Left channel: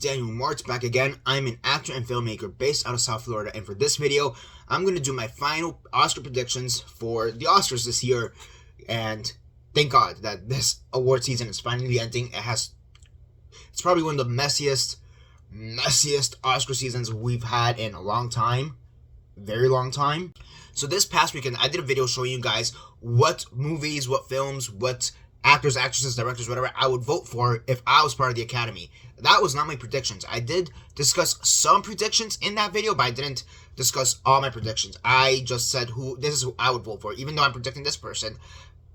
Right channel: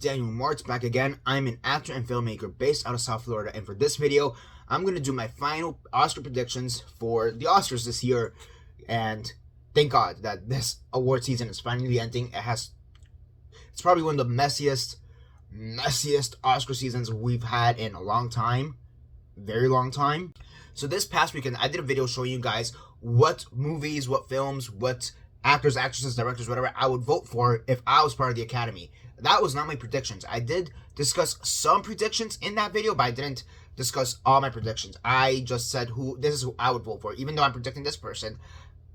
Daniel Mart back again. I'm an actor and filmmaker based out of South Florida, and for this video, I'm going to do my final Oscar predictions for the Oscars this year. And thank God that this award season is finally ending. It's probably one of the messiest Oscar seasons we've had in a long time. Very long time. So this past weekend, I did a video showing you guys what movies, what films, what actors, actresses, directors, whatever I would vote for if I was part of the Academy. That was not my predictions. I did discuss some predictions in that video, but I didn't discuss all my predictions. I just said this is who I would vote for. Even though I'm predicting this person,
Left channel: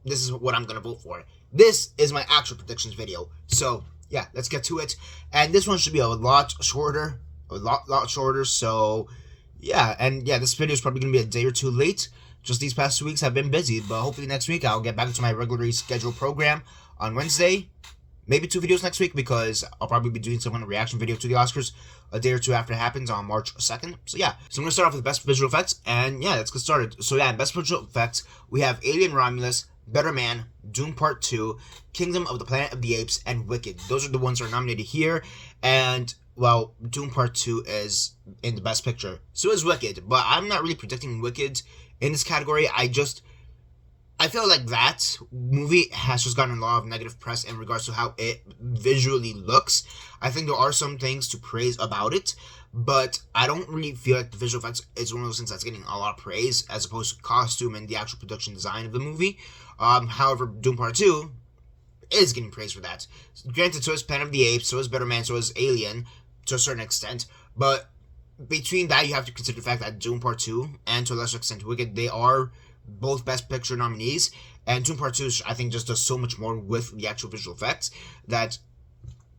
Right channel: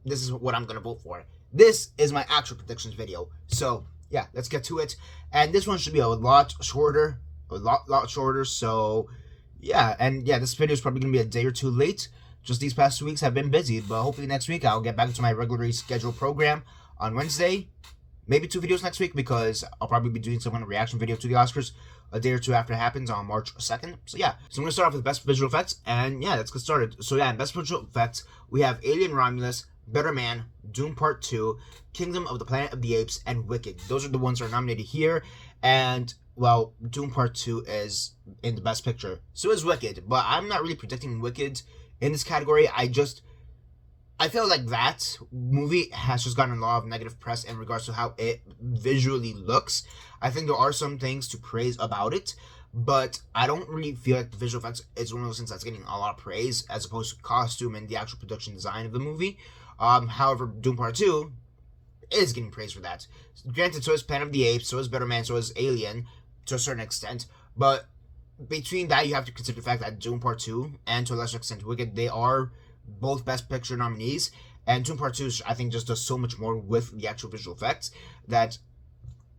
this is what I'm going to vote for. This is my actual predictions video. So, yeah, let's get to it. And this one should be a lot shorter. A lot shorter. So, yeah. And, yeah, this video is probably going to be a day or two late. Just these past 2 weeks have been busy. But hopefully next week I'll get back into my regularly scheduled program on Wednesday. Maybe 2 videos next week because I'll probably be doing some kind of reaction video to the Oscars a day or two after it happens on March 2nd. So yeah, so I'm going to start off with best visual effects, and yeah, let's get started. So yeah, in best visual effects, we have Alien Romulus, Better Man, Dune Part 2, Kingdom of the Planet of the Apes, and Wicked. Those are the ones that are nominated here, and well, Dune Part 2 is in the best picture. So is Wicked, but I'm not really predicting Wicked in this category. I feel like that movie has just gotten a lot of negative press in regards to how it visually looks. I think there are some things to praise about it, but I don't really feel like the visual effects is one of those things that's getting a lot of praise as opposed to costume and the actual production design of the movie. However, Doom Part 2 is getting praise for that. Granted, so is Planet of the Apes, so is Better Man, so is Alien to a certain extent, but between that, you have to consider the fact that Doom Part 2 and to a lesser extent Wicked, they are both Best Picture nominees, and Dune Part 2, I think, just does so much more with the actual visual effects that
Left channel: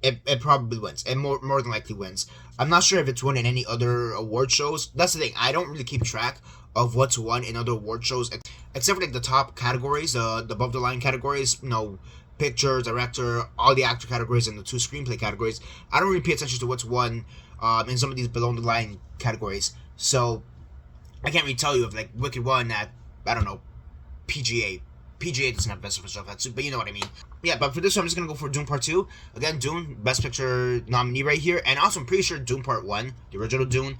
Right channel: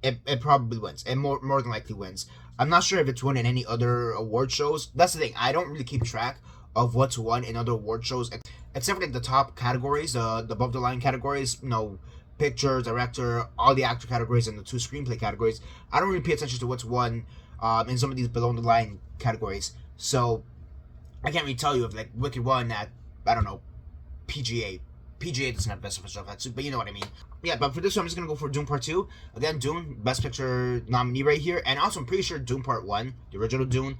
it probably wins, and more than likely wins. I'm not sure if it's won in any other award shows. That's the thing, I don't really keep track of what's won in other award shows, except for like the top categories, the above the line categories, picture, director, all the actor categories, and the 2 screenplay categories. I don't really pay attention to what's won in some of these below the line categories, so I can't really tell you if like Wicked won at, I don't know, PGA. PGA doesn't have best visual effects, but you know what I mean. Yeah, but for this one, I'm just going to go for Dune Part 2. Again, Dune, Best Picture nominee right here. And also, I'm pretty sure Dune Part 1, the original Dune,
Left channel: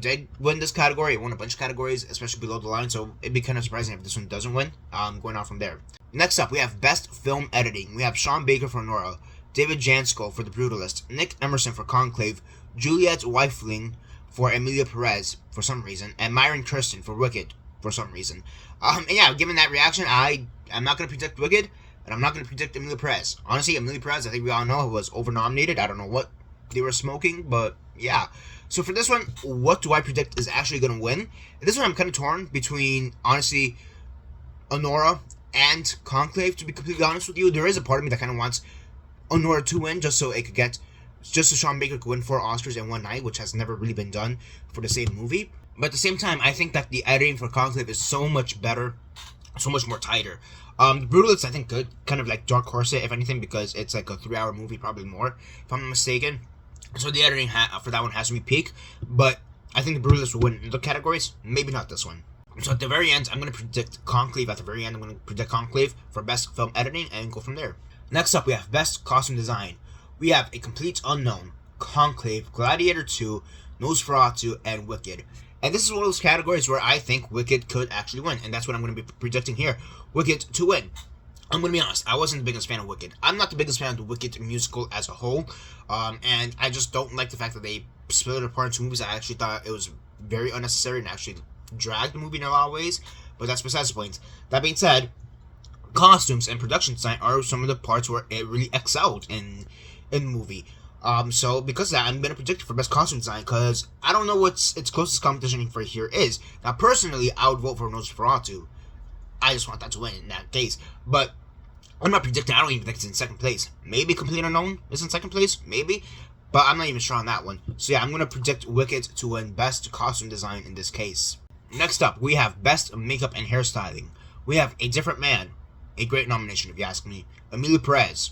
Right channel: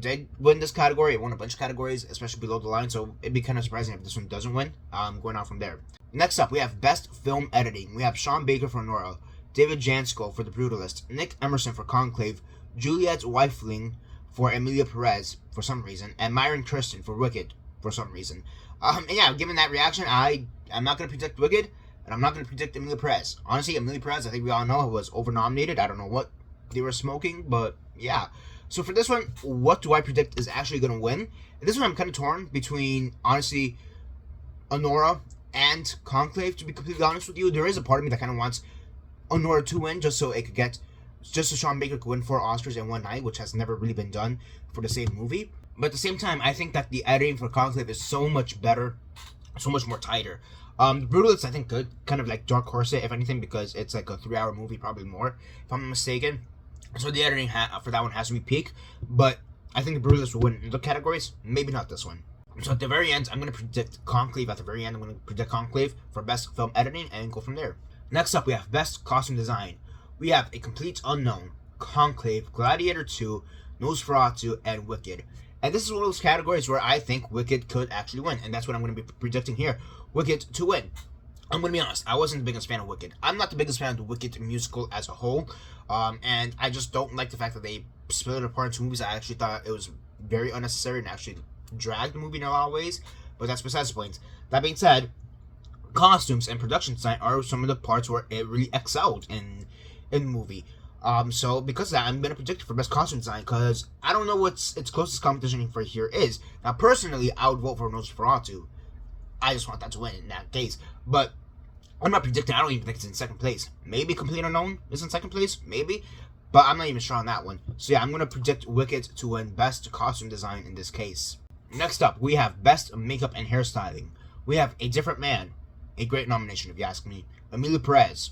did win this category. It won a bunch of categories, especially below the line. So it'd be kind of surprising if this one doesn't win. Going on from there. Next up, we have Best Film Editing. We have Sean Baker for Nora, David Jansko for The Brutalist, Nick Emerson for Conclave, Juliette Weifling for Emilia Perez for some reason, and Myron Kirsten for Wicked for some reason. And yeah, given that reaction, I'm not going to predict Wicked, and I'm not going to predict Emilia Perez. Honestly, Emilia Perez, I think we all know, was over-nominated. I don't know what they were smoking, but yeah. So for this one, what do I predict is actually going to win? This one I'm kind of torn between, honestly, Honora and Conclave, to be completely honest with you. There is a part of me that kind of wants Honora to win, just so Sean Baker could win 4 Oscars in one night, which has never really been done for the same movie. But at the same time, I think that the editing for Conclave is so much better, so much more tighter. The Brutalist, I think, could kind of like Dark Horse it, if anything, because it's like a 3-hour movie, probably more, if I'm not mistaken. So the editing for that one has to be peak. But I think the Brutalist will win in the categories, maybe not this one. So at the very end, I'm going to predict Conclave. At the very end, I'm going to predict Conclave for Best Film Editing and go from there. Next up, we have Best Costume Design. We have A Complete Unknown, Conclave, Gladiator 2, Nosferatu, and Wicked. And this is one of those categories where I think Wicked could actually win. And that's what I'm going to be predicting here. Wicked to win. I'm going to be honest. I wasn't the biggest fan of Wicked. I'm not the biggest fan of the Wicked musical as a whole. And I just don't like the fact that they split it apart into movies. I actually thought it was very unnecessary and actually dragged the movie in a lot of ways. But that's besides the point. That being said, costumes and production design are some of the parts where it really excelled in the movie. So because of that, I'm going to predict for Best Costume Design, because I don't know what its closest competition for here is. Now, personally, I would vote for Nosferatu. I just want that to win in that case. But I'm not predicting. I don't even think it's in second place. Maybe Complete Unknown is in second place. Maybe. But I'm not even sure on that one. So yeah, I'm going to predict Wicked to win Best Costume Design in this case. Next up, we have Best Makeup and Hairstyling. We have A Different Man. A great nomination, if you ask me. Emilia Perez.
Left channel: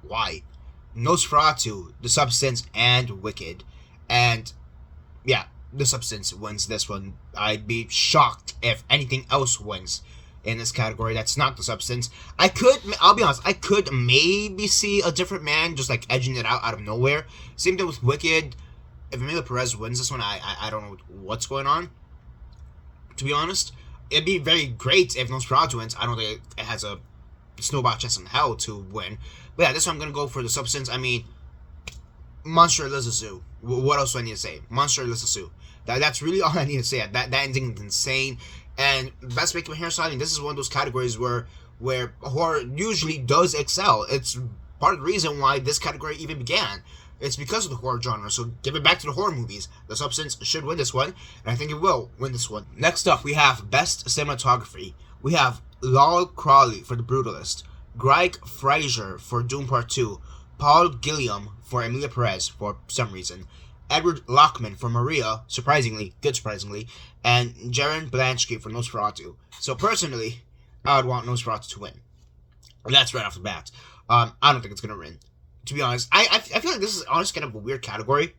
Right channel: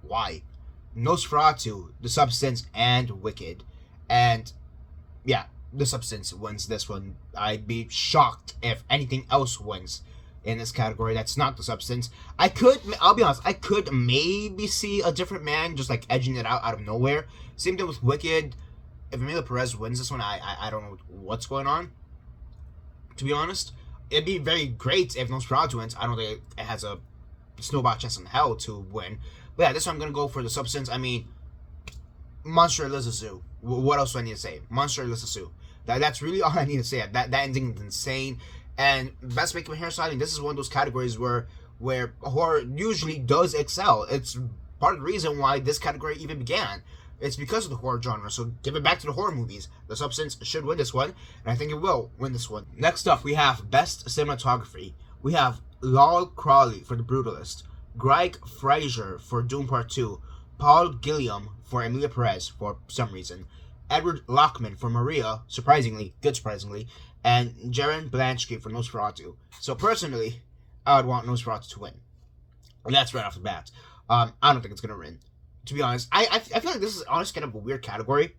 Why? Nosferatu, The Substance, and Wicked. And yeah, The Substance wins this one. I'd be shocked if anything else wins in this category. That's not the substance. I'll be honest, I could maybe see a different man just like edging it out of nowhere. Same thing with Wicked. If Emilia Perez wins this one, I don't know what's going on, to be honest. It'd be very great if Nosferatu wins. I don't think it has a snowball chance in hell to win. But yeah, this one I'm going to go for the substance. I mean, Monster Lives a Zoo. What else do I need to say? Monster Lives a Zoo. That's really all I need to say. That ending is insane. And best makeup and hairstyling, this is one of those categories where horror usually does excel. It's part of the reason why this category even began. It's because of the horror genre, so give it back to the horror movies. The Substance should win this one, and I think it will win this one. Next up, we have Best Cinematography. We have Lol Crawley for The Brutalist, Greg Fraser for Doom Part 2, Paul Gilliam for Emilia Perez for some reason, Edward Lockman for Maria, surprisingly, and Jaron Blansky for Nosferatu. So personally, I would want Nosferatu to win. And that's right off the bat. I don't think it's going to win. To be honest, I feel like this is honestly kind of a weird category,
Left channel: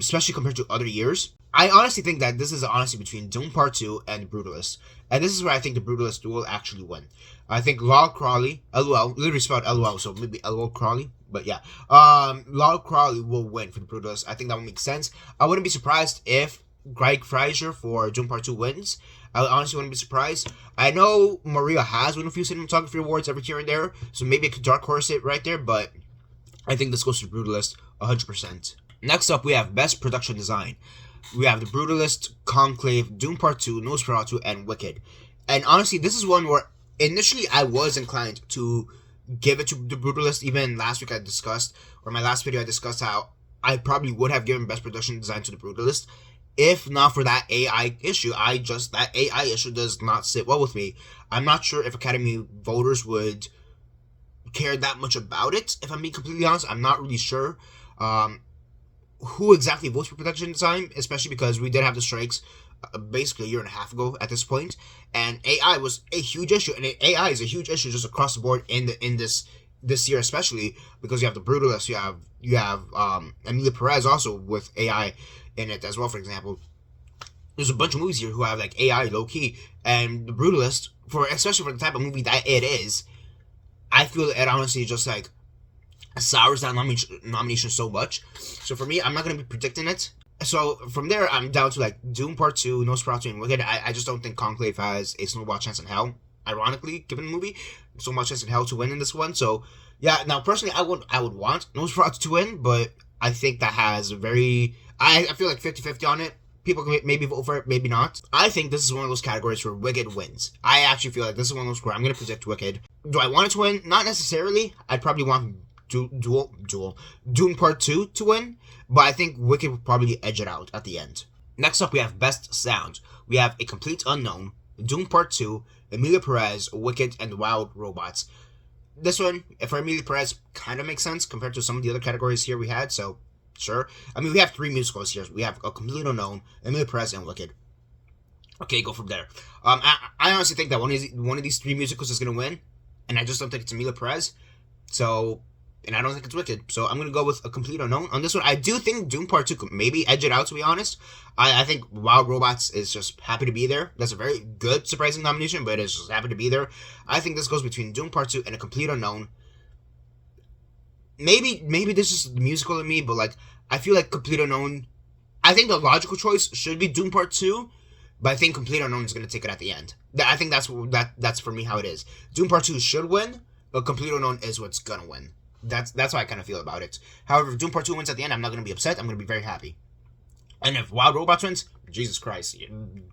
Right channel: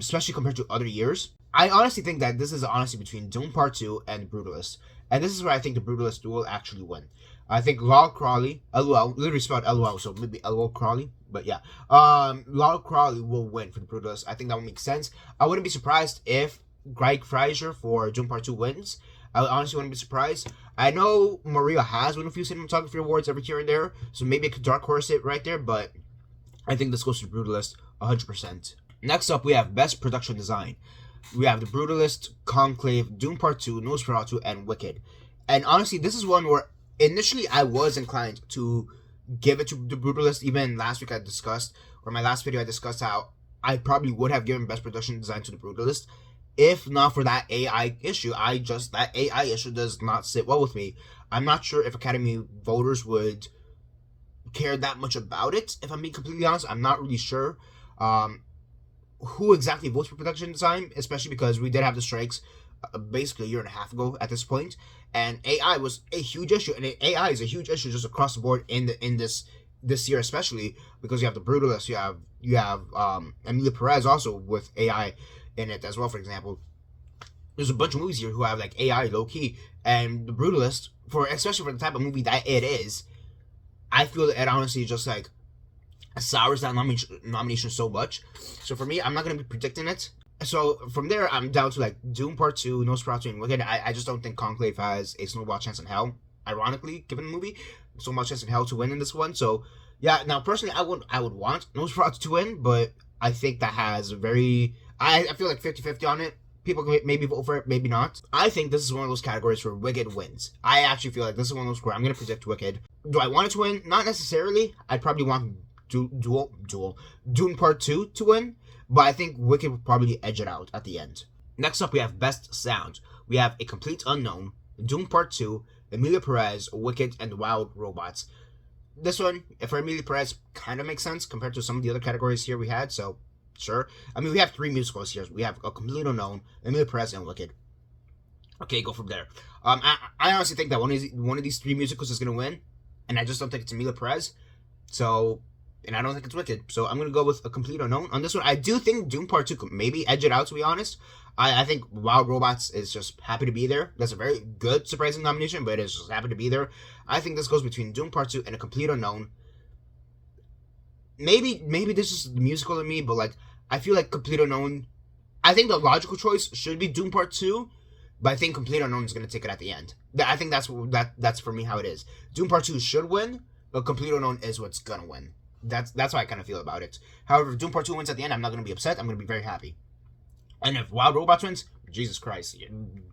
especially compared to other years. I honestly think that this is honestly between Doom Part 2 and Brutalist. And this is where I think the Brutalist will actually win. I think Lol Crawley, LOL, literally spelled LOL, so maybe LOL Crawley, but yeah. Lol Crawley will win for the Brutalist. I think that would make sense. I wouldn't be surprised if Greg Fraser for Doom Part 2 wins. I honestly wouldn't be surprised. I know Maria has won a few cinematography awards every here and there, so maybe I could dark horse it right there, but I think this goes to the Brutalist 100%. Next up, we have Best Production Design. We have The Brutalist, Conclave, Doom Part 2, Nosferatu, and Wicked. And honestly, this is one where initially I was inclined to give it to The Brutalist. Even last week I discussed, or my last video I discussed how I probably would have given Best Production Design to The Brutalist. If not for that AI issue, that AI issue does not sit well with me. I'm not sure if Academy voters would care that much about it, if I'm being completely honest. I'm not really sure who exactly votes for production design, especially because we did have the strikes basically a year and a half ago at this point, and AI was a huge issue, and AI is a huge issue just across the board in this year, especially because you have The Brutalist, you have Emilia Perez also with AI in it as well. For example, there's a bunch of movies here who have like AI low key, and The Brutalist, especially for the type of movie that it is, I feel it honestly just like sours that nomination so much. So for me, I'm not going to be predicting it. So from there, I'm down to like Doom Part 2, Nosferatu, and Wicked. I just don't think Conclave has a snowball chance in hell, ironically, given the movie. Snowball chance in hell to win in this one. So yeah, now personally, I would want Nosferatu to win, but I think that has a very... I feel like 50-50 on it. People can maybe vote for it, maybe not. I think this is one of those categories where Wicked wins. I actually feel like this is one of those where I'm going to predict Wicked. Do I want it to win? Not necessarily. I'd probably want Doom Part 2 to win, but I think Wicked would probably edge it out at the end. Next up, we have Best Sound. We have A Complete Unknown, Doom Part 2, Emilia Perez, Wicked, and Wild Robots. This one, for Emilia Perez, kind of makes sense compared to some of the other categories here we had, so sure. I mean, we have 3 musicals here. We have A Complete Unknown, Emilia Perez, and Wicked. Okay, go from there. I honestly think that one of these 3 musicals is going to win, and I just don't think it's Emilia Perez. So, and I don't think it's Wicked. So I'm going to go with A Complete Unknown. On this one, I do think Doom Part 2 could maybe edge it out, to be honest. I think Wild Robots is just happy to be there. That's a very good, surprising nomination, but it's just happy to be there. I think this goes between Doom Part 2 and A Complete Unknown. Maybe this is the musical in me, but like, I feel like Complete Unknown, I think the logical choice should be Doom Part 2, but I think Complete Unknown is going to take it at the end. I think that's for me how it is. Doom Part 2 should win, but Complete Unknown is what's going to win. That's how I kind of feel about it. However, if Doom Part 2 wins at the end, I'm not going to be upset. I'm going to be very happy. And if Wild Robots wins, Jesus Christ,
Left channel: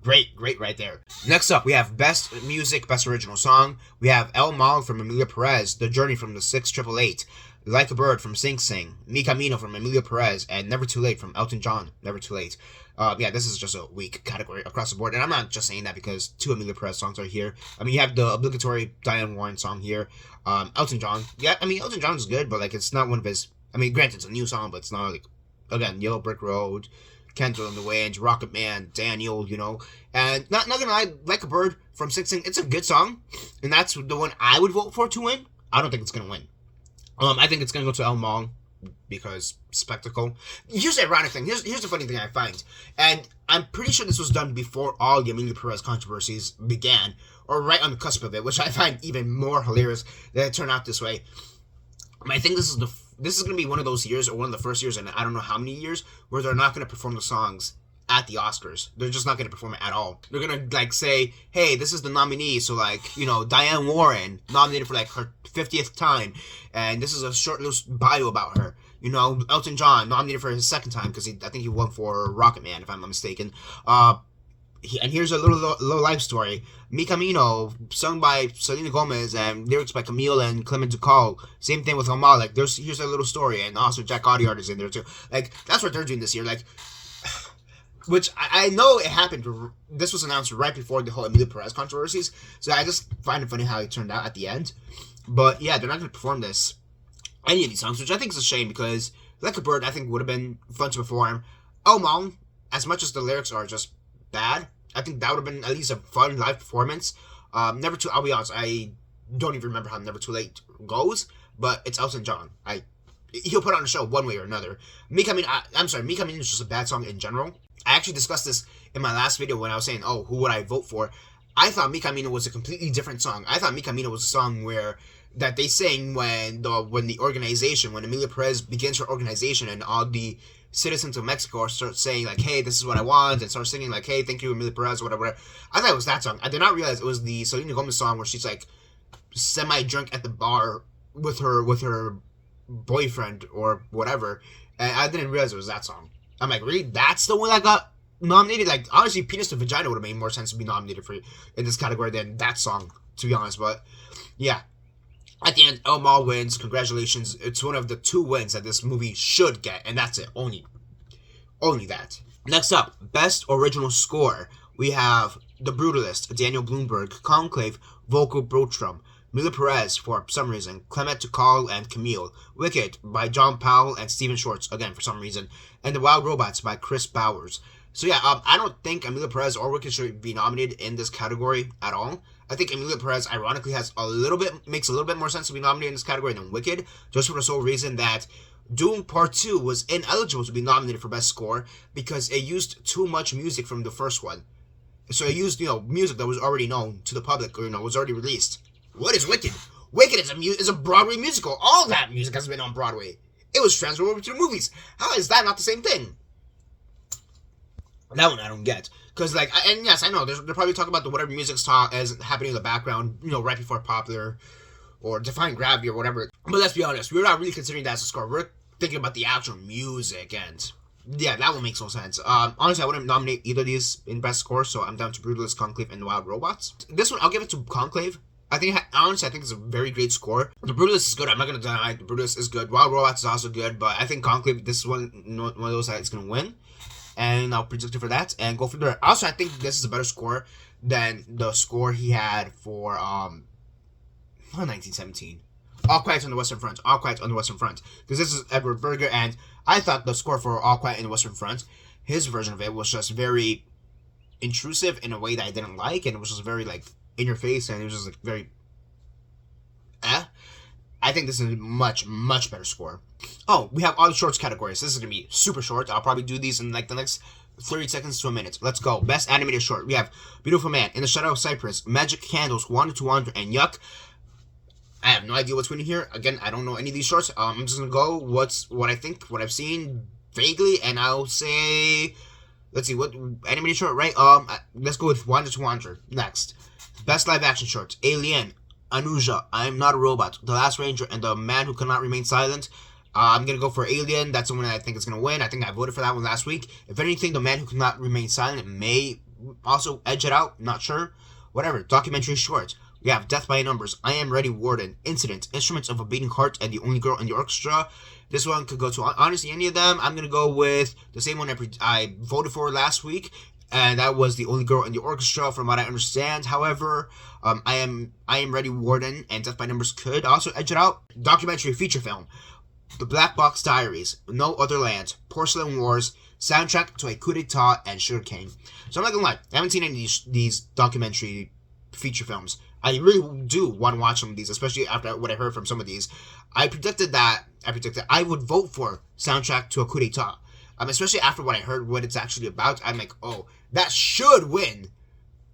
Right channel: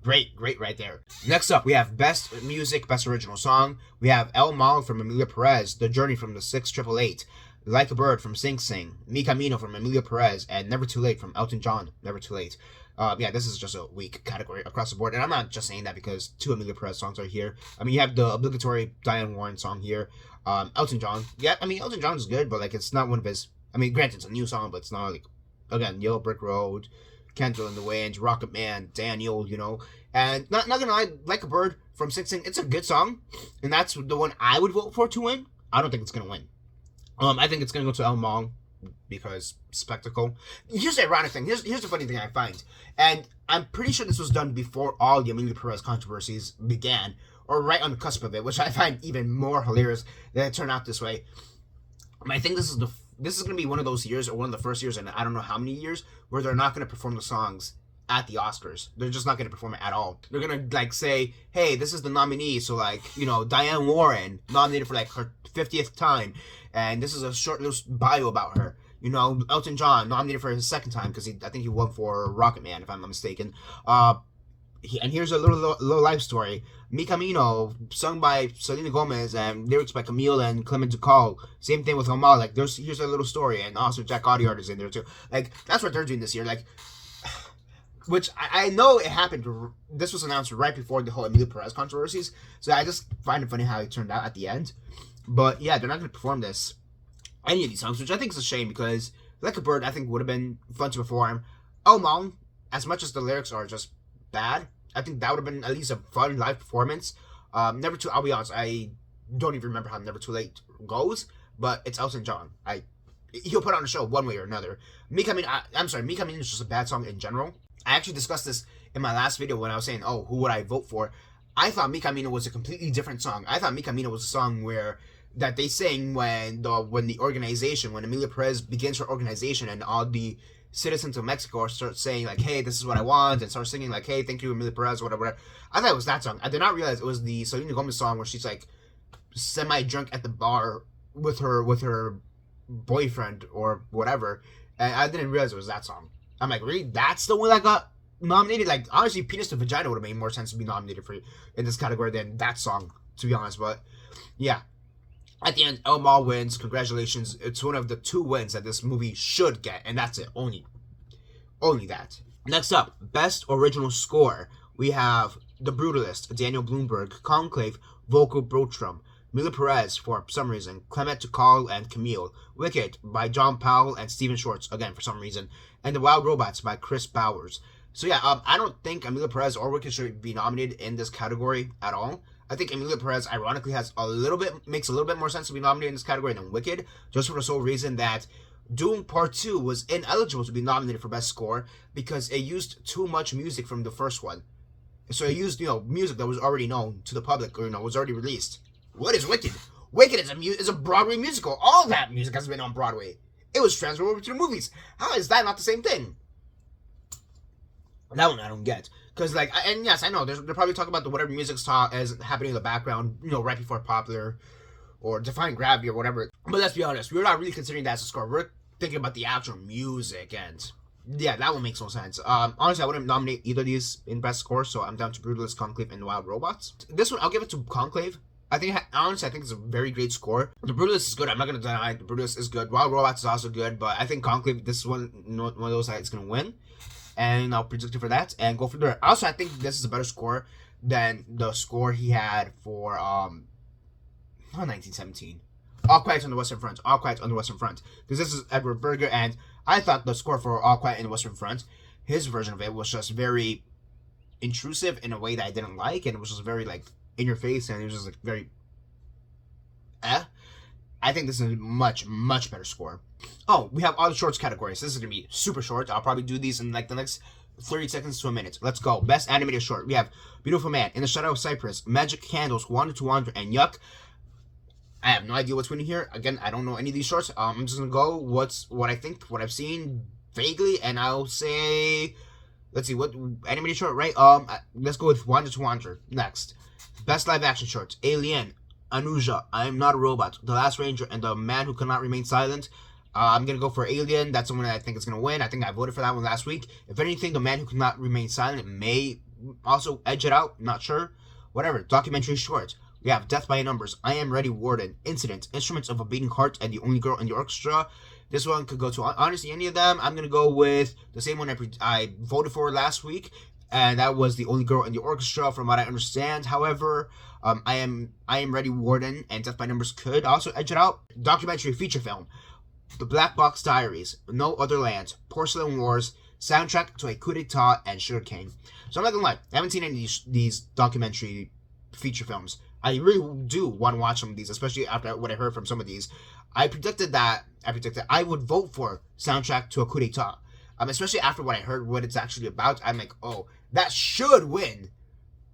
great right there. Next up, we have Best Music, Best Original Song. We have El Mal from Emilia Perez, The Journey from the 6888, Like a Bird from Sing Sing, Mi Camino from Emilia Perez, and Never Too Late from Elton John, Never Too Late. Yeah, this is just a weak category across the board, and I'm not just saying that because 2 Emilia Perez songs are here. I mean, you have the obligatory Diane Warren song here. Elton John, yeah, I mean, Elton John is good, but like, it's not one of his, I mean, granted, it's a new song, but it's not like, again, Yellow Brick Road, Candle in the Wind, Rocket Man, Daniel, you know, and not gonna lie, Like a Bird from Sing Sing, it's a good song, and that's the one I would vote for to win. I don't think it's gonna win. I think it's gonna go to El Mal because spectacle. Here's the ironic thing. Here's the funny thing I find, and I'm pretty sure this was done before all the Emilia Perez controversies began. or right on the cusp of it, which I find even more hilarious that it turned out this way. I think this is going to be one of those years, or one of the first years in I don't know how many years, where they're not going to perform the songs at the Oscars. They're just not going to perform it at all. They're going to like say, hey, this is the nominee, so like, you know, Diane Warren nominated for like her 50th time, and this is a short little bio about her. You know, Elton John nominated for his second time because I think he won for Rocket Man, if I'm not mistaken. And here's a little life story. Mi Camino, sung by Selena Gomez, and lyrics by Camille and Clement Ducal. Same thing with Omar. Like, here's a little story, and also Jack Audiard is in there too. Like, that's what they're doing this year. Like, which I know it happened. This was announced right before the whole Emilio Perez controversies, so I just find it funny how it turned out at the end. But yeah, they're not going to perform any of these songs, which I think is a shame because Like a Bird, I think, would have been fun to perform. Oh Mom, as much as the lyrics are just bad, I think that would have been at least a fun live performance. Never Too, I'll be honest, I don't even remember how Never Too Late goes, but it's Elton John. He'll put on a show one way or another. Mi Camino is just a bad song in general. I actually discussed this in my last video when I was saying, oh, who would I vote for? I thought Mi Camino was a completely different song. I thought Mi Camino was a song that they sing when Emilia Perez begins her organization and all the citizens of Mexico start saying like, hey, this is what I want, and start singing like, hey, thank you, Emilia Perez, whatever. I thought it was that song. I did not realize it was the Selena Gomez song where she's like semi-drunk at the bar with her boyfriend or whatever, and I didn't realize it was that song. I'm like, really? That's the one that got nominated? Like, honestly, Penis to Vagina would have made more sense to be nominated for in this category than that song, to be honest. But yeah, at the end, Elmar wins. Congratulations. It's one of the 2 wins that this movie should get, and that's it. Only that. Next up, Best Original Score. We have The Brutalist, Daniel Bloomberg, Conclave, Vocal Brotrum, Emilia Perez, for some reason, Clement Ducal and Camille, Wicked by John Powell and Stephen Schwartz, again, for some reason, and The Wild Robots by Chris Bowers. So yeah, I don't think Emilia Perez or Wicked should be nominated in this category at all. I think Emilia Perez, ironically, makes a little bit more sense to be nominated in this category than Wicked, just for the sole reason that Dune Part 2 was ineligible to be nominated for Best Score because it used too much music from the first one. So it used, music that was already known to the public, or, was already released. What is Wicked? Wicked is a Broadway musical. All that music has been on Broadway. It was transferred over to the movies. How is that not the same thing? That one I don't get. Because, and yes, I know, they're probably talking about whatever music's is happening in the background, right before Popular, or Defying Gravity, or whatever. But let's be honest, we're not really considering that as a score. We're thinking about the actual music, and yeah, that one makes no sense. Honestly, I wouldn't nominate either of these in Best Score, so I'm down to Brutalist, Conclave, and Wild Robots. This one, I'll give it to Conclave. I think it's a very great score. The Brutalist is good. I'm not going to deny the Brutalist is good. Wild Robots is also good, but I think Conclave, this is one of those that is going to win. And I'll predict it for that and go from there. Also, I think this is a better score than the score he had for 1917. All Quiet on the Western Front. All Quiet on the Western Front. Because this is Edward Berger, and I thought the score for All Quiet on the Western Front, his version of it was just very intrusive in a way that I didn't like, and it was just very, in your face, and it was just, very I think this is a much, much better score. Oh, we have all the shorts categories. This is going to be super short. I'll probably do these in, the next 30 seconds to a minute. Let's go. Best Animated Short. We have Beautiful Man, In the Shadow of Cypress, Magic Candles, Wander to Wander, and Yuck. I have no idea what's winning here. Again, I don't know any of these shorts. I'm just going to go what I think, what I've seen vaguely, and I'll say, let's see, what animated short, right? Let's go with Wander to Wander. Next. Best Live Action Shorts. Alien, Anuja, I Am Not a Robot, The Last Ranger, and The Man Who Cannot Remain Silent. I'm going to go for Alien. That's the one that I think is going to win. I think I voted for that one last week. If anything, The Man Who Cannot Remain Silent may also edge it out. Not sure. Whatever. Documentary shorts. We have Death by Numbers, I Am Ready, Warden, Incident, Instruments of a Beating Heart, and The Only Girl in the Orchestra. This one could go to, honestly, any of them. I'm going to go with the same one I voted for last week, and that was The Only Girl in the Orchestra, from what I understand. However, I Am Ready, Warden, and Death by Numbers could also edge it out. Documentary feature film. The Black Box Diaries, No Other Land, Porcelain Wars, Soundtrack to a Coup d'etat, and Sugarcane. So I'm not going to lie, I haven't seen any of these documentary feature films. I really do want to watch some of these, especially after what I heard from some of these. I predicted I would vote for Soundtrack to a Coup d'etat. Especially after what I heard, what it's actually about. I'm like, oh, that should win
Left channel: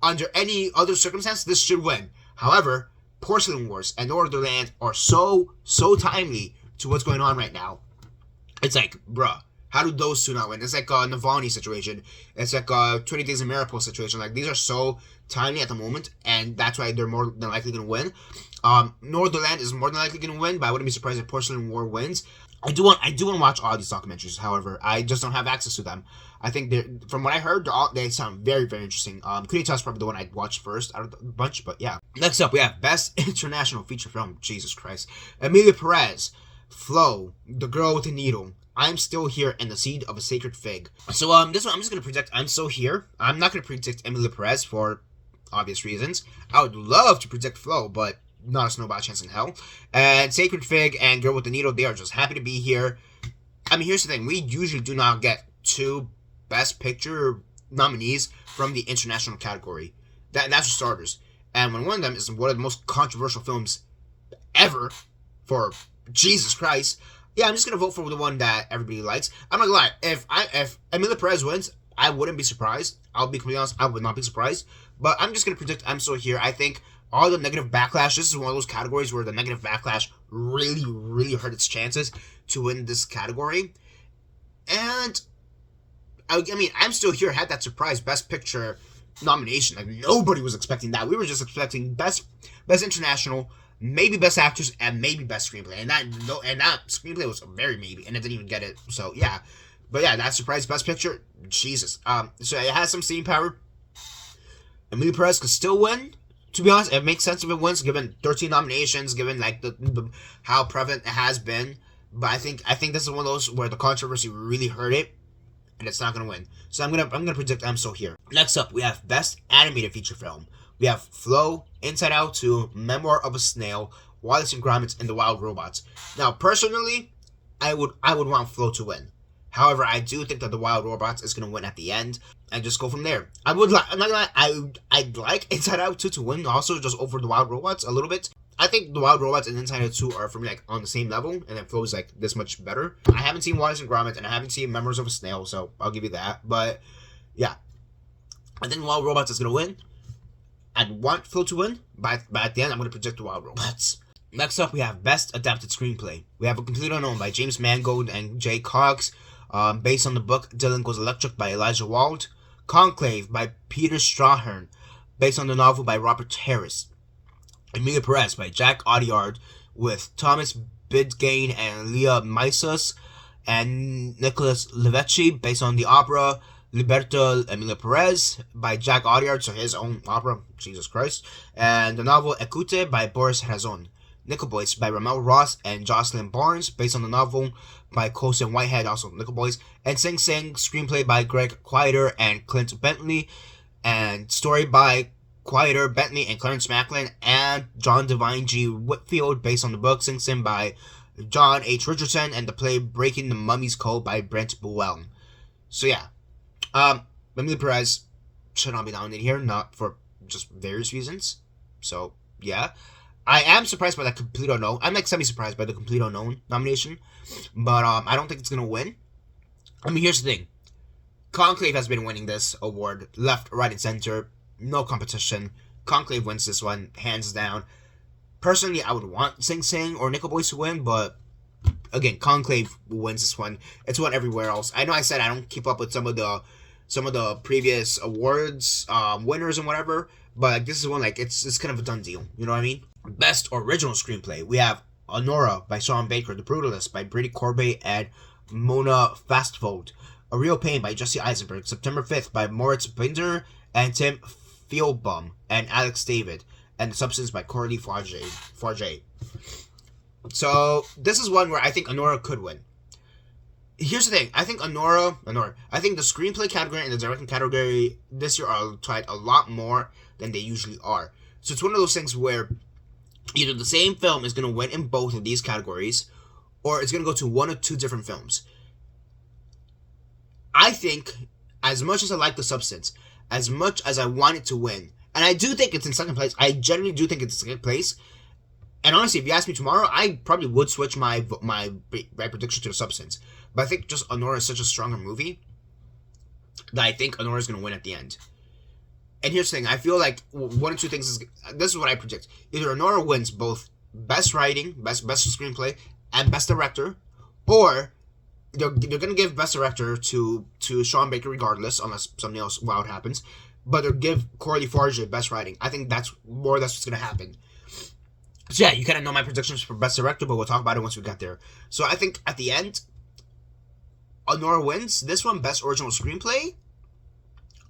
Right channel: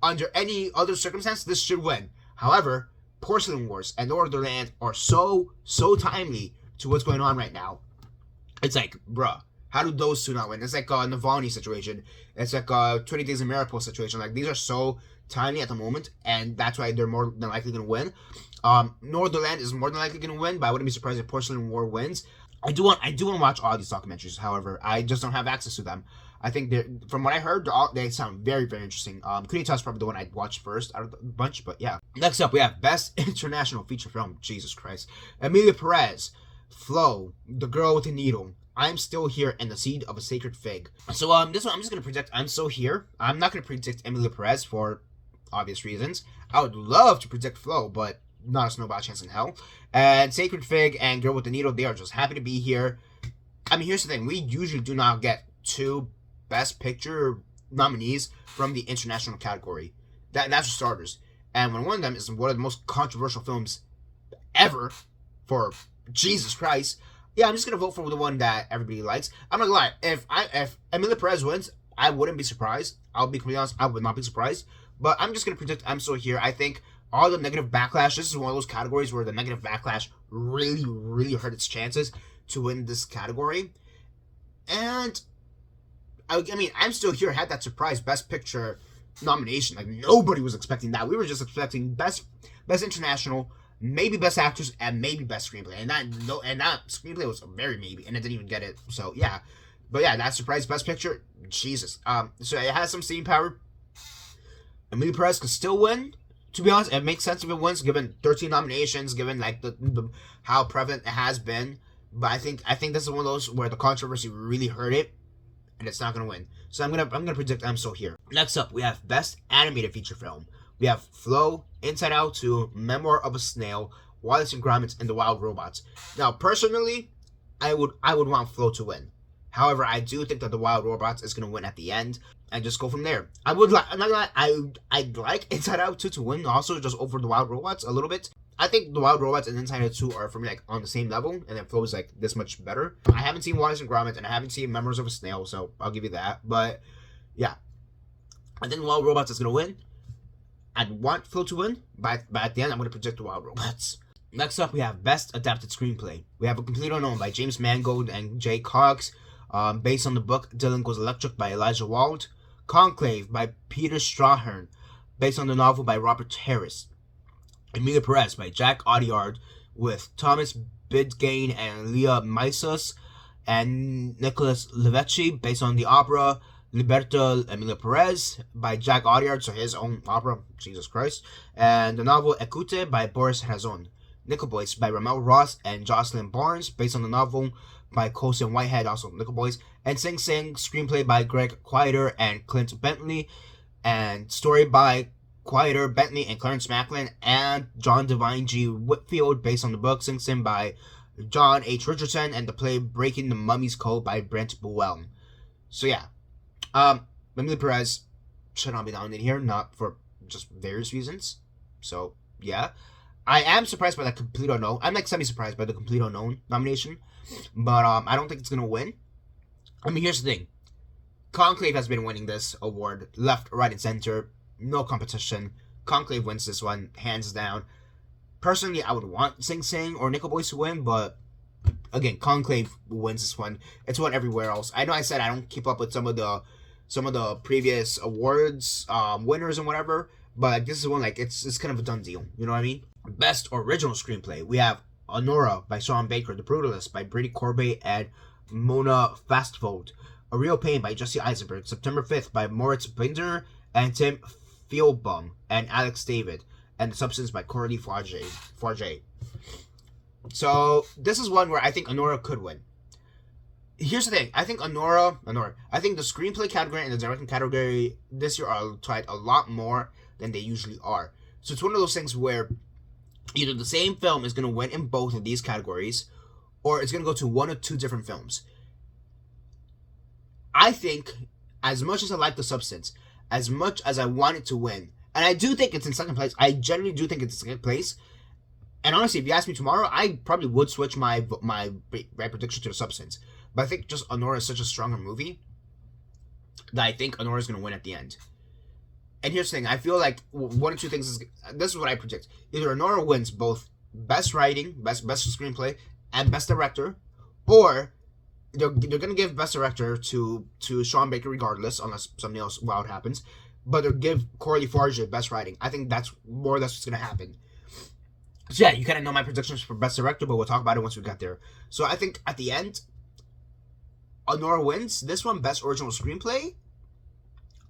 under any other circumstance, this should win. However, Porcelain Wars and Northernland are so timely to what's going on right now. It's like, bruh, how do those two not win? It's like a Navalny situation. It's like a 20 Days of Mariupol situation. Like, these are so tiny at the moment, and that's why they're more than likely going to win. Northernland is more than likely going to win, but I wouldn't be surprised if Porcelain War wins. I do want to watch all these documentaries. However, I just don't have access to them. I think from what I heard, they sound very, very interesting. Kunita is probably the one I'd watch first out of the bunch, but yeah. Next up, we have Best International Feature Film. Jesus Christ. Emilia Perez, Flo, The Girl with the Needle, I'm Still Here, and The Seed of a Sacred Fig. So this one I'm just gonna predict I'm Still Here. I'm not gonna predict Emilia Perez for obvious reasons. I would love to predict Flo, but not a snowball chance in hell. And Sacred Fig and Girl with the Needle, they are just happy to be here. I mean, here's the thing. We usually do not get 2 Best Picture nominees from the international category. That's for starters. And when one of them is one of the most controversial films ever, for Jesus Christ, yeah, I'm just gonna vote for the one that everybody likes. I'm not gonna lie. If Emilia Perez wins, I wouldn't be surprised. I'll be completely honest. I would not be surprised. But I'm just gonna predict I'm Still Here. I think all the negative backlash. This is one of those categories where the negative backlash really, really hurt its chances to win this category. And I mean, I'm Still Here had that surprise Best Picture nomination. Like, nobody was expecting that. We were just expecting Best International, maybe Best Actors, and maybe Best Screenplay. And that screenplay was very maybe, and it didn't even get it. So yeah, but yeah, that surprise Best Picture, Jesus. So it has some staying power. Emilia Perez could still win. To be honest, it makes sense if it wins, given 13 nominations, given like the how prevalent it has been. But I think this is one of those where the controversy really hurt it, and it's not gonna win. So I'm gonna predict I'm Still Here. Next up, we have Best Animated Feature Film. We have Flo, Inside Out 2, Memoir of a Snail, Wallace and Gromit, and The Wild Robots. Now, personally, I would want Flo to win. However, I do think that The Wild Robots is gonna win at the end, and just go from there. I'm not gonna lie, I'd like Inside Out 2 to win also, just over The Wild Robots a little bit. I think The Wild Robots and Inside Out 2 are, for me, like, on the same level, and then Flo is, like, this much better. I haven't seen Wallace and Gromit, and I haven't seen Memories of a Snail, so I'll give you that. But, yeah. I think The Wild Robots is gonna win. I'd want Flo to win, but at the end, I'm gonna predict The Wild Robots. Next up, we have Best Adapted Screenplay. We have A Complete Unknown by James Mangold and Jay Cox, based on the book Dylan Goes Electric by Elijah Wald. Conclave by Peter Strahan, based on the novel by Robert Harris. Emilia Perez by Jack Audiard, with Thomas Bidgain and Leah Maisas, and Nicholas Levecchi, based on the opera Liberta Emilia Perez by Jack Audiard, so his own opera, Jesus Christ, and the novel Écoute by Boris Razon. Nickel Boys by Ramel Ross and Jocelyn Barnes, based on the novel by Colson Whitehead, also Nickel Boys, and Sing Sing, screenplay by Greg Quieter and Clint Bentley, and story by Quieter, Bentley, and Clarence Macklin, and John Devine G. Whitfield, based on the book Sing Sing by John H. Richardson, and the play Breaking the Mummy's Code by Brent Buell. So yeah, Emilia Perez should not be nominated here, not for just various reasons. So yeah, I am surprised by that Complete Unknown. I'm like semi-surprised by the Complete Unknown nomination, but I don't think it's gonna win. I mean, here's the thing: Conclave has been winning this award left, right, and center. No competition. Conclave wins this one, hands down. Personally, I would want Sing Sing or Nickel Boys to win, but again, Conclave wins this one. It's won everywhere else. I know I said I don't keep up with some of the previous awards, winners and whatever, but like this is one, like it's kind of a done deal. You know what I mean? Best Original Screenplay. We have Honora by Sean Baker, The Brutalist by Brady Corbet and Mona Fastfold, A Real Pain by Jesse Eisenberg, September 5th by Moritz Binder and Tim Feilbaum and Alex David, and The Substance by Coralie Farge. So this is one where I think Honora could win. Here's the thing: I think Honora. I think the screenplay category and the directing category this year are tried a lot more than they usually are. So it's one of those things where either the same film is going to win in both of these categories, or it's going to go to one or two different films. I think, as much as I like The Substance, as much as I want it to win, and I do think it's in second place, I generally do think it's in second place, and honestly, if you ask me tomorrow, I probably would switch my prediction to The Substance, but I think just Honora is such a stronger movie that I think Honora is going to win at the end. And here's the thing: I feel like one or two things is this is what I predict. Either Honora wins both best writing, best screenplay, and best director, or they're gonna give best director to Sean Baker regardless, unless something else wild happens. But they'll give Corey Farge best writing. I think that's more or less what's gonna happen. So yeah, you kind of know my predictions for best director, but we'll talk about it once we get there. So I think at the end, Honora wins this one, best original screenplay.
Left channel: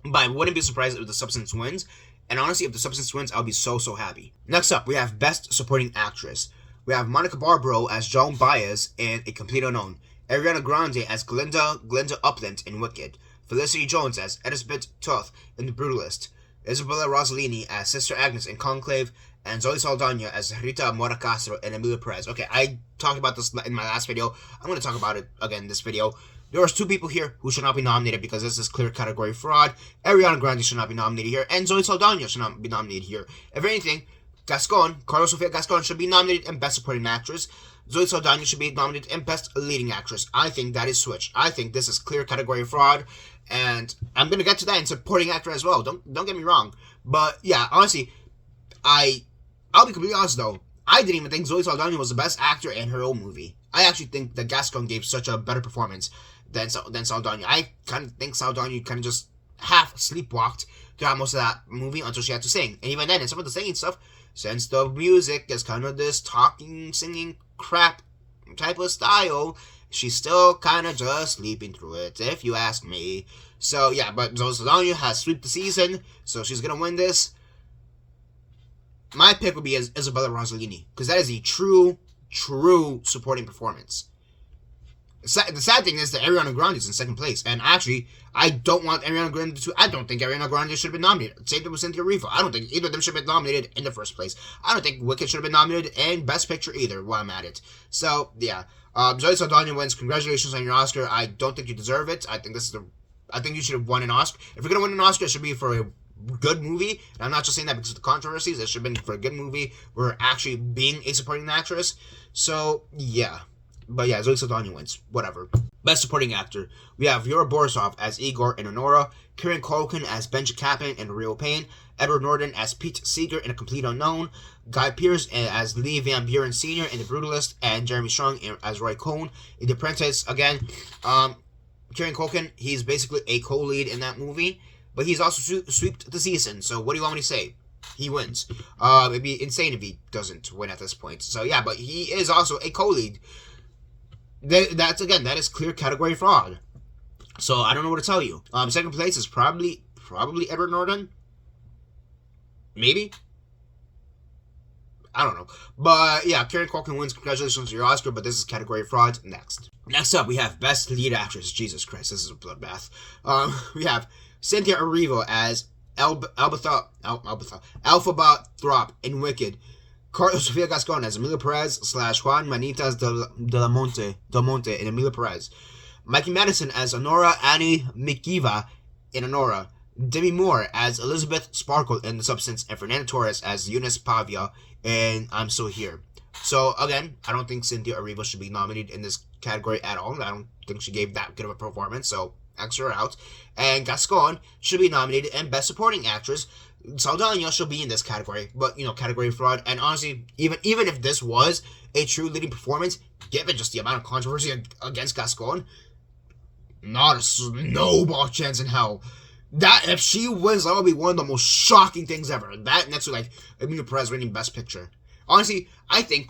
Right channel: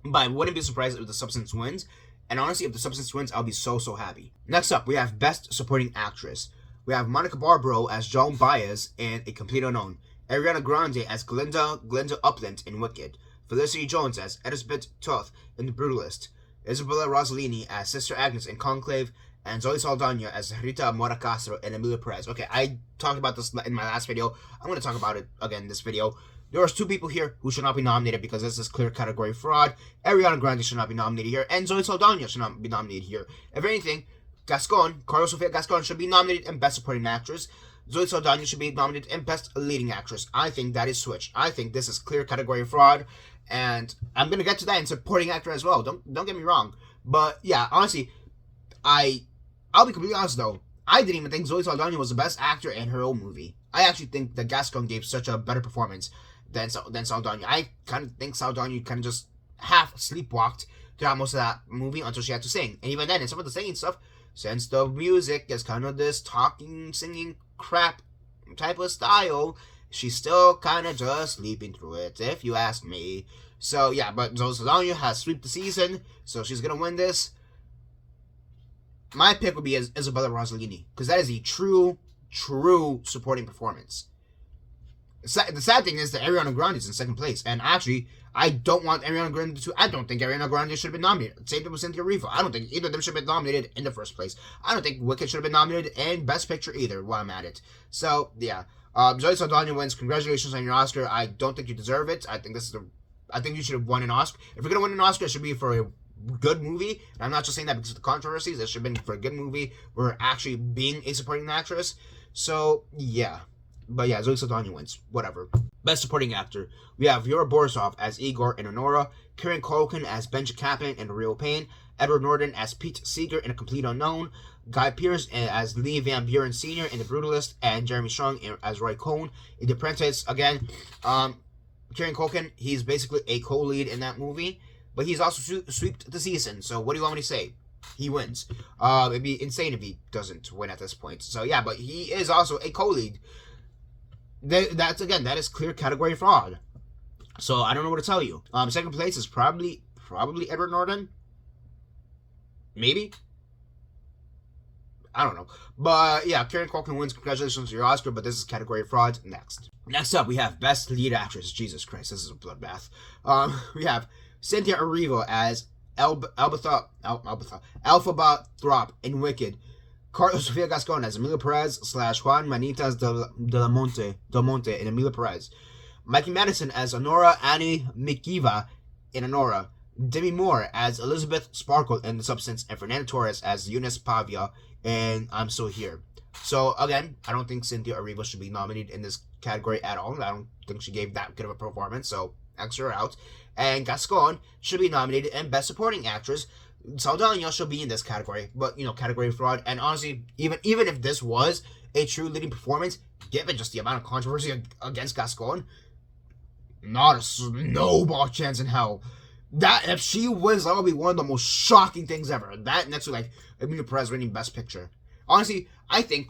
But I wouldn't be surprised if The Substance wins. And honestly, if The Substance wins, I'll be so happy. Next up, we have Best Supporting Actress. We have Monica Barbaro as Joan Baez in A Complete Unknown. Ariana Grande as Glinda Upland in Wicked. Felicity Jones as Elizabeth Toth in The Brutalist. Isabella Rossellini as Sister Agnes in Conclave. And Zoe Saldana as Rita Mora Castro in Emilia Perez. Okay, I talked about this in my last video. I'm going to talk about it again in this video. There was two people here who should not be nominated because this is clear category fraud. Ariana Grande should not be nominated here, and Zoe Saldana should not be nominated here. If anything, Carlos Sofia Gascon should be nominated in Best Supporting Actress. Zoe Saldana should be nominated in Best Leading Actress. I think that is switched. I think this is clear category fraud, and I'm gonna get to that in Supporting Actor as well. Don't get me wrong, but yeah, honestly, I'll be completely honest though. I didn't even think Zoe Saldana was the best actor in her own movie. I actually think that Gascon gave such a better performance than Saldana. I kind of think Saldana kind of just half sleepwalked throughout most of that movie until she had to sing. And even then, in some of the singing stuff, since the music is kind of this talking, singing crap type of style, she's still kind of just sleeping through it, if you ask me. So yeah, but Zoe Saldana has swept the season, so she's gonna win this. My pick would be Isabella Rossellini, because that is a true supporting performance. The sad thing is that Ariana Grande is in second place, and actually, I don't want Ariana Grande to. I don't think Ariana Grande should have been nominated. Same thing with Cynthia Erivo. I don't think either of them should have been nominated in the first place. I don't think Wicked should have been nominated in Best Picture either. While I'm at it, so yeah, Zoe Saldana wins. Congratulations on your Oscar. I don't think you deserve it. I think I think you should have won an Oscar. If you're gonna win an Oscar, it should be for a good movie. And I'm not just saying that because of the controversies. It should have been for a good movie. We're actually being a supporting actress. So yeah. But yeah, Zoe Saldana wins. Whatever. Best Supporting Actor. We have Yura Borisov as Igor in Honora, Kieran Culkin as Benja Kaplan in Real Pain, Edward Norton as Pete Seeger in A Complete Unknown, Guy Pearce as Lee Van Buren Sr. in The Brutalist, and Jeremy Strong as Roy Cohn in The Apprentice. Again, Kieran Culkin, he's basically a co-lead in that movie, but he's also swept the season. So what do you want me to say? He wins. It'd be insane if he doesn't win at this point. So yeah, but he is also a co-lead. That is clear category fraud. So I don't know what to tell you. Second place is probably Edward Norton. Maybe. I don't know. But yeah, Kieran Culkin wins. Congratulations to your Oscar, but this is category fraud. Next up, we have Best Lead Actress. Jesus Christ, this is a bloodbath. We have Cynthia Erivo as Alphaba Throp in Wicked. Carlos Sofia Gascon as Emilia Perez / Juan Manitas del Monte in Emilia Perez. Mikey Madison as Honora Annie Mikiva in Honora. Demi Moore as Elizabeth Sparkle in The Substance, and Fernanda Torres as Eunice Pavia in I'm Still Here. So again, I don't think Cynthia Erivo should be nominated in this category at all. I don't think she gave that good of a performance, so X her out. And Gascon should be nominated in Best Supporting Actress. Saldana should be in this category, but category fraud. And honestly, even if this was a true leading performance, given just the amount of controversy against Gascon, not a snowball chance in hell. That if she wins, that will be one of the most shocking things ever. That next to like Emilia Perez winning Best Picture. Honestly, I think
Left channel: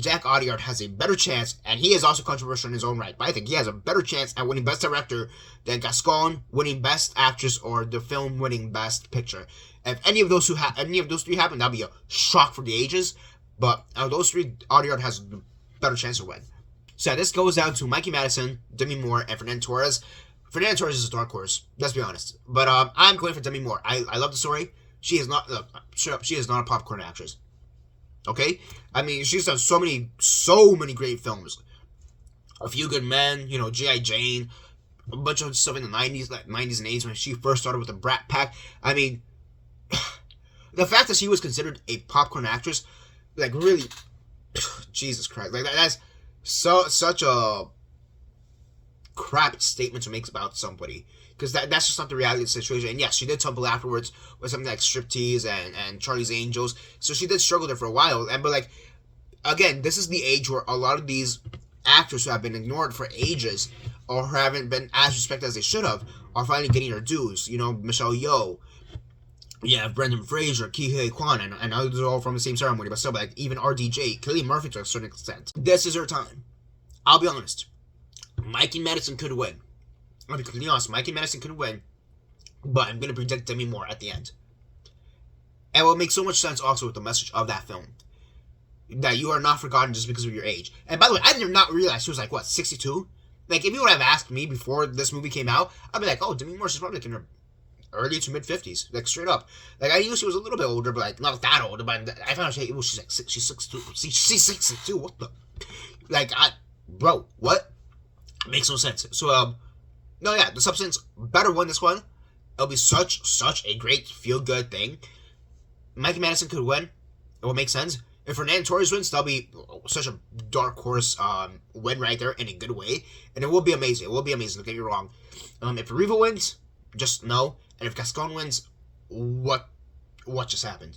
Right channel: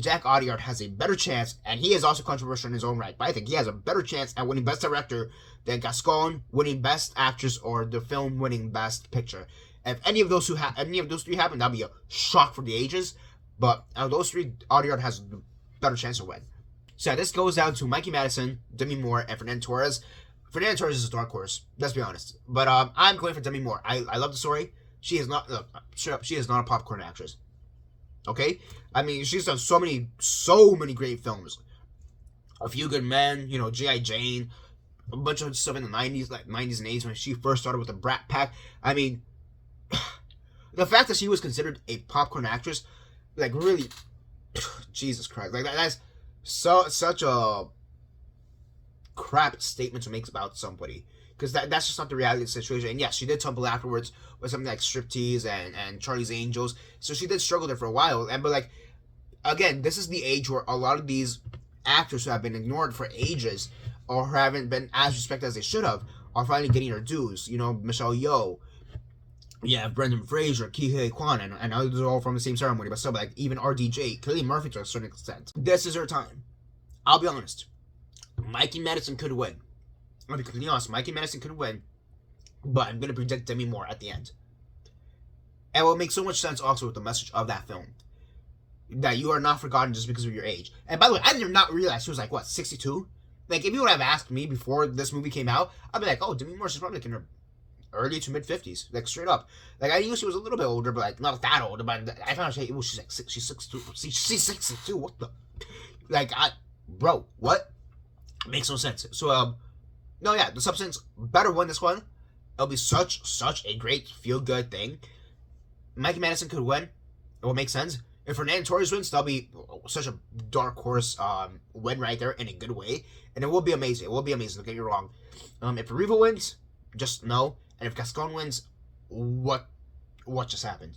Jack Audiard has a better chance, and he is also controversial in his own right, but I think he has a better chance at winning Best Director than Gascon winning Best Actress or the film winning Best Picture. If any of those three happen, that'll be a shock for the ages. But out of those three, Audiard has a better chance to win. So yeah, this goes down to Mikey Madison, Demi Moore, and Fernanda Torres. Fernanda Torres is a dark horse, let's be honest. But I'm going for Demi Moore. I love the story. She is not she is not a popcorn actress. Okay? I mean, she's done so many great films. A Few Good Men, G.I. Jane, a bunch of stuff in the 90s and 80s when she first started with the Brat Pack. I mean, the fact that she was considered a popcorn actress, like really, Jesus Christ, like that's such a crap statement to make about somebody. because that's just not the reality of the situation. And yes, she did tumble afterwards with something like striptease and Charlie's Angels, so she did struggle there for a while. But like, again, this is the age where a lot of these actors who have been ignored for ages or haven't been as respected as they should have are finally getting their dues. You know, Michelle Yeoh, you have Brendan Fraser, Ki Huy Kwan, and I know they're all from the same ceremony, but still, like, even RDJ, Cillian Murphy to a certain extent. This is her time. I'll be honest. Mikey Madison could win. I'll be completely honest. Mikey Madison could win, but I'm going to predict Demi Moore at the end. And it will make so much sense also with the message of that film. That you are not forgotten just because of your age. And by the way, I did not realize she was like, what, 62? Like, if you would have asked me before this movie came out, I'd be like, oh, Demi Moore, she's probably like in her early to mid 50s, like straight up. Like, I knew she was a little bit older, but like not that old. But I found out she's like she's 62. She's 62. What the? Like, bro, what? Makes no sense. So no, yeah, the Substance better win this one. It'll be such a great feel good thing. Mikey Madison could win. It will make sense. If Fernando Torres wins, that'll be such a dark horse win right there in a good way, and it will be amazing. It will be amazing. Don't get me wrong. If Riva wins, just know. And if Gascon wins, what just happened?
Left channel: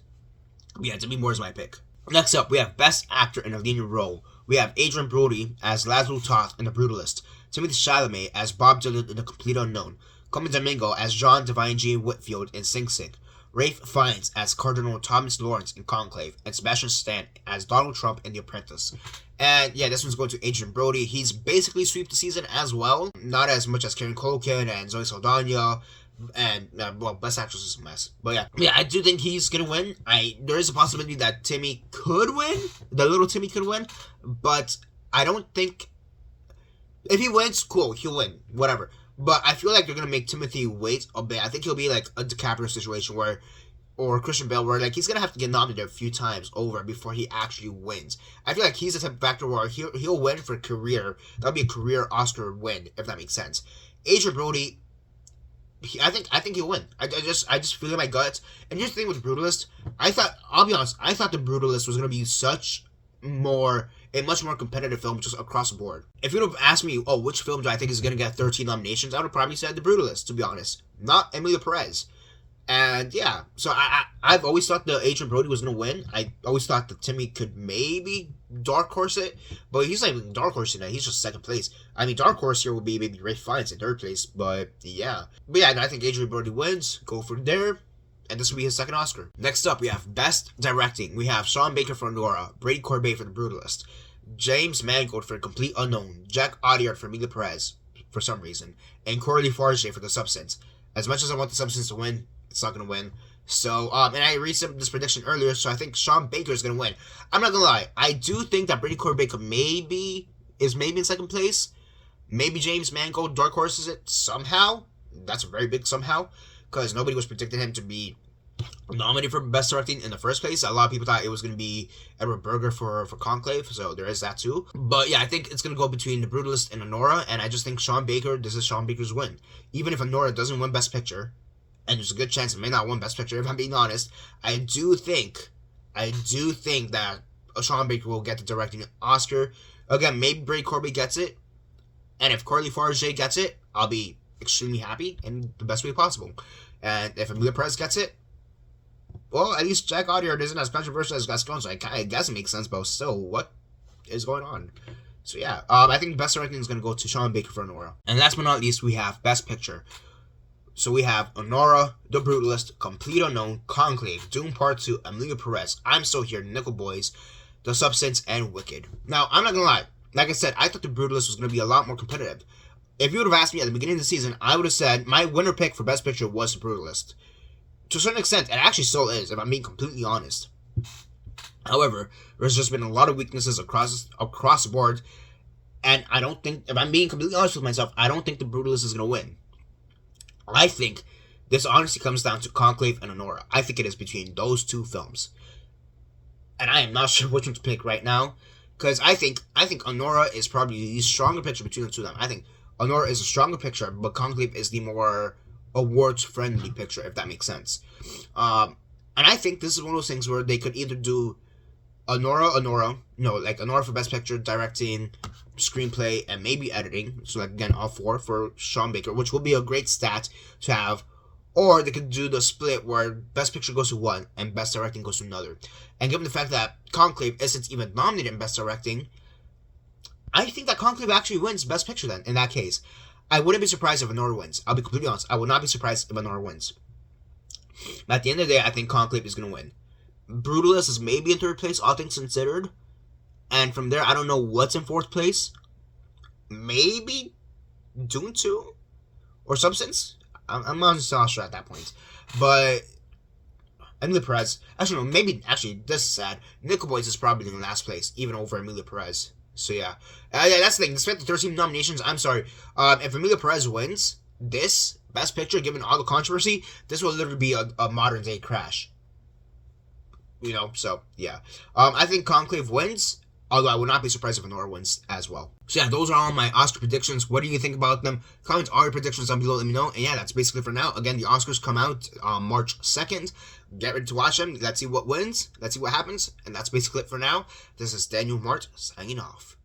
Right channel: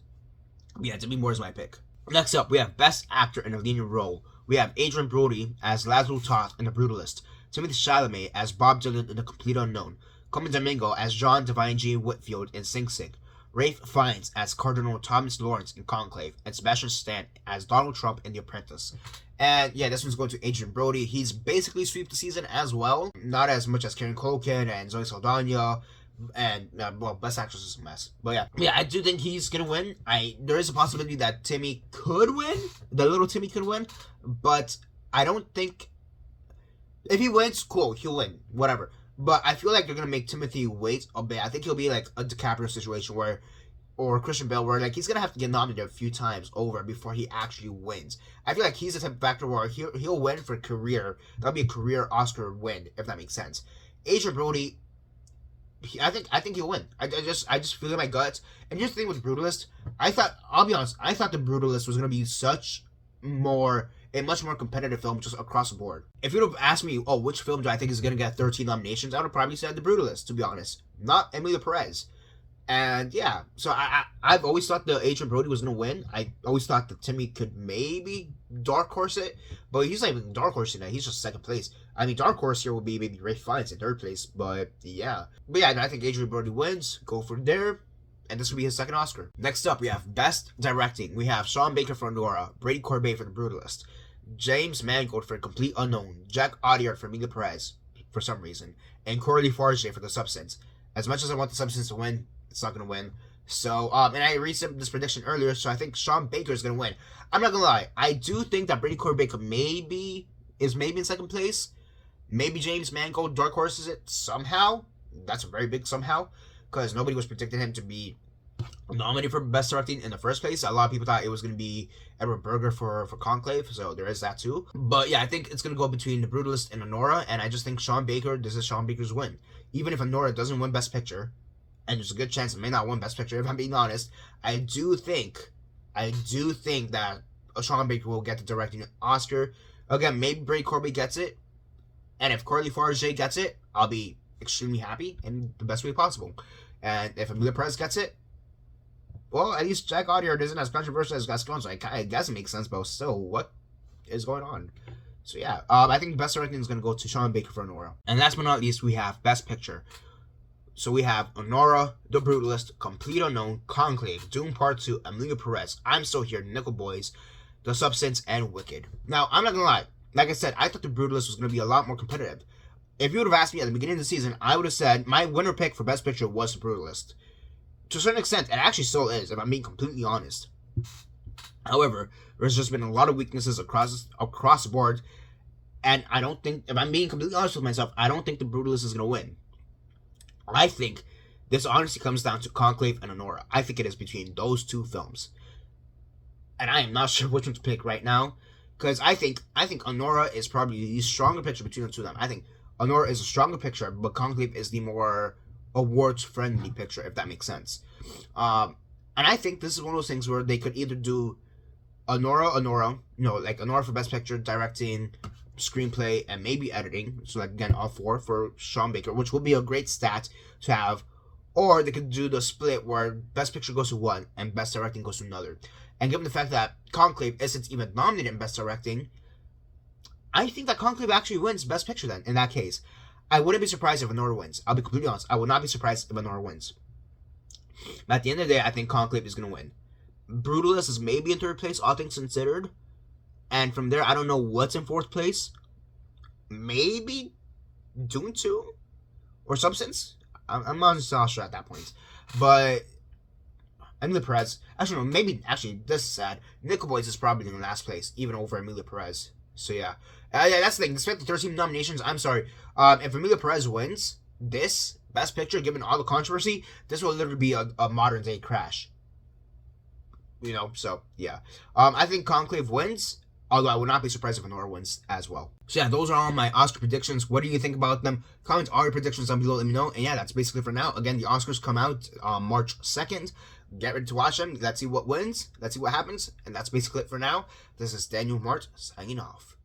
Yeah, Demi Moore is my pick. Next up, we have Best Actor in a Leading Role. We have Adrien Brody as Laszlo Toth in The Brutalist, Timothée Chalamet as Bob Dylan in The Complete Unknown, Colman Domingo as John Divine G. Whitfield in Sing Sing, Ralph Fiennes as Cardinal Thomas Lawrence in Conclave, and Sebastian Stan as Donald Trump in The Apprentice. And yeah, this one's going to Adrien Brody. He's basically swept the season as well. Not as much as Karen Culkin and Zoe Saldana. And well, Best Actress is a mess, but yeah, I do think he's gonna win. There is a possibility that Timmy could win, the little Timmy could win, but I don't think if he wins, cool, he'll win, whatever. But I feel like they're gonna make Timothy wait a bit. I think he'll be like a DiCaprio situation or Christian Bale, where like he's gonna have to get nominated a few times over before he actually wins. I feel like he's the type of actor where he'll win for a career. That'll be a career Oscar win, if that makes sense. Adrien Brody, I think he'll win. I just feel in my guts. And here's the thing with Brutalist. I'll be honest, I thought The Brutalist was gonna be a much more competitive film just across the board. If you would have asked me, oh, which film do I think is gonna get 13 nominations, I would have probably said The Brutalist, to be honest. Not Emilia Perez. And yeah, so I've always thought the Adrien Brody was gonna win. I always thought that Timmy could maybe dark horse it, but he's not even dark horse tonight. He's just second place. I mean, dark horse here would be maybe Ralph Fiennes in third place, but yeah, no, I think Adrien Brody wins. Go from there, and this will be his second Oscar. Next up, we have Best Directing. We have Sean Baker for Nora, Brady Corbet for The Brutalist, James Mangold for Complete Unknown, Jack Audiard for Emilia Perez for some reason, and Coralie Farge for The Substance. As much as I want The Substance to win, it's not going to win. So, and I read this prediction earlier, so I think Sean Baker is going to win. I'm not going to lie. I do think that Brady Corbet is maybe in second place. Maybe James Mangold dark horses it somehow. That's a very big somehow, because nobody was predicting him to be nominated for Best Directing in the first place. A lot of people thought it was going to be Edward Berger for Conclave, so there is that too. But yeah, I think it's going to go between The Brutalist and Anora, and I just think this is Sean Baker's win. Even if Anora doesn't win Best Picture, and there's a good chance it may not win Best Picture, if I'm being honest, I do think that Sean Baker will get the directing Oscar. Again, maybe Brady Corbet gets it, and if Coralie Farge gets it, I'll be extremely happy in the best way possible. And if Emilia Perez gets it, well, at least Jack Audiard isn't as controversial as Gascon, so I guess it makes sense, but still, what is going on? So yeah, I think Best Directing is going to go to Sean Baker for Nora. And last but not least, we have Best Picture. So we have Anora, The Brutalist, Complete Unknown, Conclave, Doom Part 2, Emilia Perez, I'm Still Here, Nickel Boys, The Substance, and Wicked. Now, I'm not going to lie. Like I said, I thought The Brutalist was going to be a lot more competitive. If you would have asked me at the beginning of the season, I would have said my winner pick for Best Picture was The Brutalist. To a certain extent, it actually still is, if I'm being completely honest. However, there's just been a lot of weaknesses across the board, and I don't think, if I'm being completely honest with myself, I don't think The Brutalist is going to win. I think this honestly comes down to Conclave and Anora. I think it is between those two films. And I am not sure which one to pick right now, because I think Anora is probably the stronger picture between the two of them. I think Anora is a stronger picture, but Conclave is the more awards-friendly picture, if that makes sense. And I think this is one of those things where they could either do Anora for Best Picture, directing, screenplay, and maybe editing. So like again, all 4 for Sean Baker, which will be a great stat to have. Or they could do the split where Best Picture goes to one and Best Directing goes to another. And given the fact that Conclave isn't even nominated in Best Directing, I think that Conclave actually wins Best Picture then, in that case. I wouldn't be surprised if Anora wins. I'll be completely honest. I would not be surprised if Anora wins. But at the end of the day, I think Conclave is going to win. Brutalist is maybe in 3rd place, all things considered. And from there, I don't know what's in 4th place. Maybe Dune 2? Or Substance? I'm not so sure at that point. But Emilia Perez, actually no, maybe, actually, this is sad. Nickel Boys is probably in last place, even over Emilia Perez. So yeah. Yeah, that's the thing. Despite the 13 nominations, I'm sorry. If Emilia Perez wins this Best Picture, given all the controversy, this will literally be a modern day Crash. You know, so yeah. I think Conclave wins. Although I would not be surprised if Anora wins as well. So yeah, those are all my Oscar predictions. What do you think about them? Comment all your predictions down below, let me know. And yeah, that's basically for now. Again, the Oscars come out March 2nd. Get ready to watch them. Let's see what wins. Let's see what happens. And that's basically it for now. This is Daniel Mart signing off.